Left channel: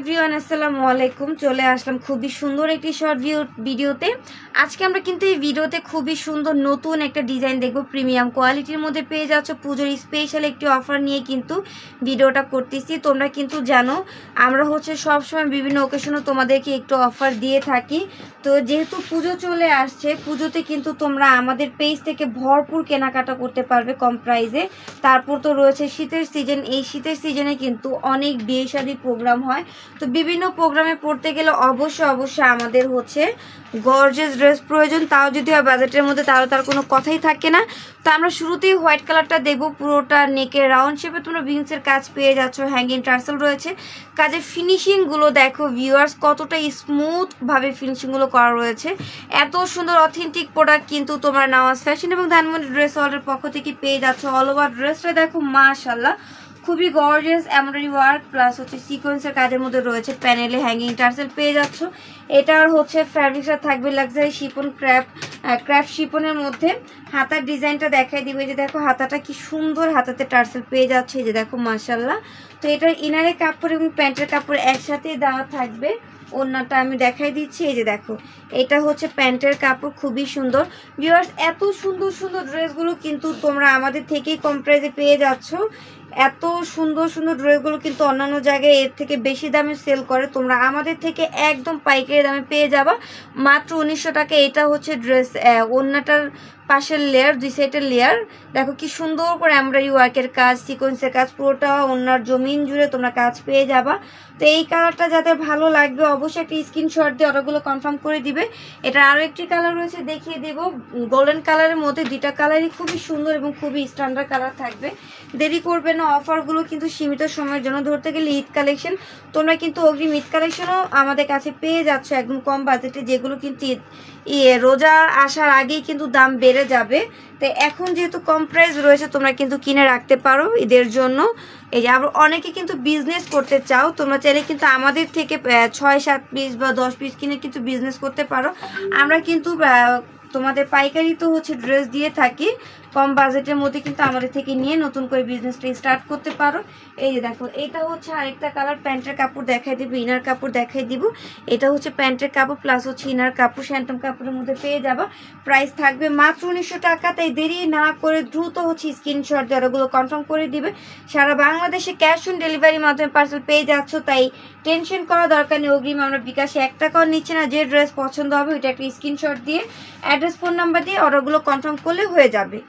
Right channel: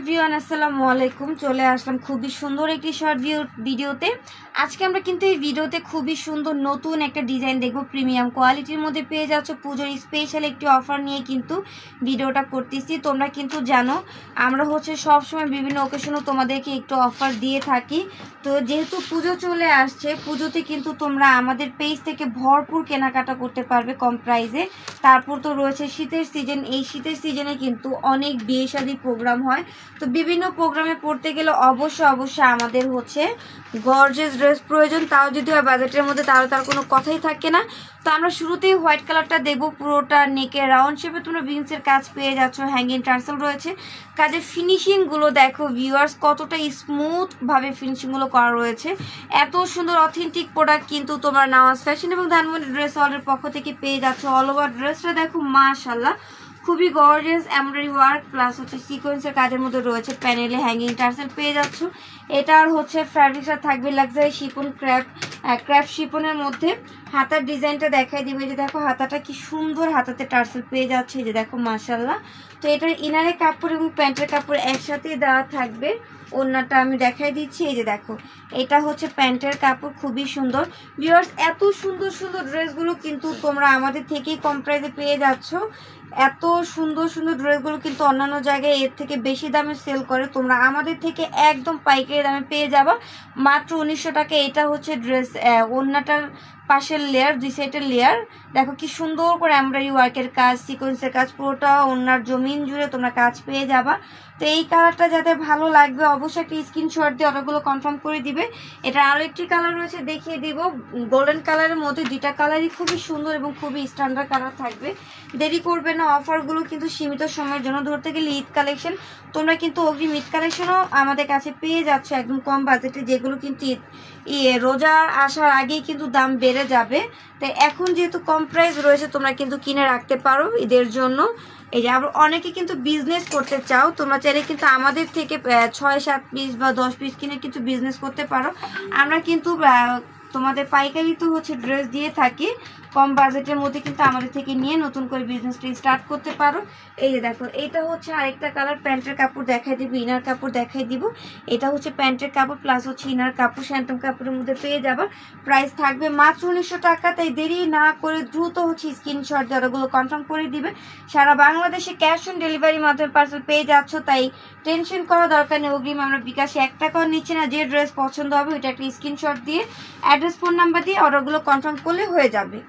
Everyone, আসসালামু আলাইকুম। চলে আসলাম খুবই সুন্দর একটি শর্ট ভিডিওতে। আজকে আমরা কিন্তু এই ভিডিওতে খুবই সুন্দর নতুন একটা ডিজাইন দেখবো, প্রিমিয়াম কোয়ালিটির মধ্যে পেয়ে যাচ্ছ। পুজোর স্পেশাল একটি অফার নিয়ে কিন্তু ভিডিওটা করতেছি। তোমরা কিন্তু জানো আমরা সবসময় বিভিন্ন ওকেশনে তোমাদেরকে একটু অফার দিয়ে থাকি। তো যেহেতু পুজো চলে আসছে, পুজোতে কিন্তু তোমরা আমাদের পেজ থেকে ভরপুর কেনাকাটা করতে পারবে কম প্রাইসে। তারপর তো রয়েছে শীতের সিজন। এই শীতের সিজনে কিন্তু অনেক বিয়ে শাদী প্রোগ্রাম হয়। তো বিভিন্ন প্রোগ্রামে পড়তে গেলে অবশ্যই আমাদের গর্জিয়াস ড্রেস প্রয়োজন। তাও যদি হয় বাজেটের মধ্যে, তাহলে তার কোনো কথাই থাকে না। তো আমরা শুরুতেই হোয়াইট কালারটা দেখবো। পুরোটা নেকের রাউন্ড শেপে তোমরা বিনসের কাজ পেয়ে যাচ্ছ, হ্যাঙ্গিং টার্সেল রয়েছে। কাজের ফিনিশিংগুলো দেখো ভিউয়ার্স, কতটা স্মুথভাবে ফিনিশিংগুলো করা রয়েছে। এত সুন্দর অথেন্টিক প্রোডাক্ট কিন্তু তোমরা নওয়াজ ফ্যাশন এবং ধানমন্ডি ড্রেস ওয়ার্ল্ডের পক্ষ থেকে পেয়ে যাচ্ছ। অল ওভার ড্রেসটা দেখো মাশাআল্লাহ, খুবই গর্জিয়াস এমব্রয়ডারি ওয়ার্ক প্লাস সিকোয়েন্সের কাজের মধ্যে রয়েছে। প্যানেলে হ্যাঙ্গিং টার্সেল পেয়ে যাচ্ছ। এটার ফ্যাব্রিকটা থাকবে লাক্সারি শিপন, ক্র্যাফট শিপনের মধ্যে। হাতার ডিজাইনটা দেখাই দিবে, যে দেখো হাতাটা কি সুন্দর, হাতাতে টার্সেল পেয়ে যাচ্ছে, এই যে দেখো মাশাআল্লাহ। তো এটার ইনারের কাপড় এবং প্যান্টের কাপড় একসাথেই দেওয়া থাকবে। ওড়নাটা আমি দেখাই দিচ্ছি, এই যে দেখো এটা প্যান্টের কাপড়, খুবই সুন্দর। ভিউয়ার্স, এত সুন্দর সুন্দর ড্রেসগুলো কিন্তু তোমরা আমাদের থেকেই কম প্রাইসে পেয়ে যাচ্ছ। এত সুন্দর সুন্দর ড্রেসগুলো কিন্তু অন্যান্য জায়গায় এর থেকে বেশি দামে সেল করে, তোমরা আমাদের থেকে একদম পাইকারি দামে পেয়ে যাবা মাত্র 1900 টাকা। এটা ড্রেস, ওড়নাটার পাশের লেয়ার, দুই সাইডের লেয়ার দেখো কি সুন্দর করে এমব্রয়ডারি ওয়ার্কের কাজ, সিকোয়েন্সের কাজ, পুরোটা ওড়নার জমিন জুড়ে তোমরা কাজ পেয়ে যাবা। তো এই কালারটা যাদের ভালো লাগবে অবশ্যই একটা স্ক্রিনশট দিয়ে অর্ডারগুলো কনফার্ম করে দিবে। এটা আরও একটি কালার রয়েছে, দেখিয়ে দিব। গোল্ডেন কালারের মধ্যে দুইটা কালারই খুবই সুন্দর এবং খুবই স্ট্যান্ডার্ড কালার থাকবে। দেরি করবে না, অফারগুলো কিন্তু সীমিত সময়ের জন্য। ধরতে গেলে ঈদ কালেকশন, তোমরা কিন্তু অগ্রিম ঈদ কালেকশনও আমাদের কাছে পেয়ে যাচ্ছ একদম কম বাজেটে, যেগুলো কিন্তু রোজা আসার আগেই কিন্তু দাম বেড়ে যাবে। তো এখন যেহেতু কম প্রাইস রয়েছে, তোমরা কিন্তু কিনে রাখতে পারো ঈদের জন্য। এই যে আবার অনেকে কিন্তু বিজনেস করতে চাও, তোমরা চাইলে কিন্তু আমাদের থেকে 6-7 পিস বা 10 পিস কিনে কিন্তু বিজনেস করতে পারো। আমরা কিন্তু তোমাদের পাইকারি তো ড্রেস দিয়ে থাকি কম বাজেটের মধ্যে, কিন্তু আমাদের থেকে নিয়ে নতুন করে বিজনেসটা স্টার্ট করতে পারো। এই যে দেখো এটা আরেকটা কালার। প্যান্টের কাপড় দেখাই দিব, ইনার কাপড় দেখাই দিব। এটা প্যান্টের কাপড় প্লাস ইনার কাপড়, স্যান্টম কাপড়ের মধ্যে পেয়ে যাবা। প্রাইস থাকবে মাত্র 1900 টাকা। তাই দেরি না করে দ্রুত স্ক্রিনশট দিয়ে ওগুলো কনফার্ম করে দিবে। সারা বাংলাদেশে ক্যাশ অন ডেলিভারির মাধ্যমে পার্সেল পেয়ে যাচ্ছ, তাই টেনশন করা দরকার নেই। অগ্রিম আমরা বিকাশে 1 টাকাও নিচ্ছে না। যে ড্রেস পছন্দ হবে ওইটা একটা স্ক্রিনশট দিয়ে অ্যাড্রেস, ফোন নাম্বার দিয়ে অর্ডারগুলো কনফার্ম করলে হয়ে যাবে।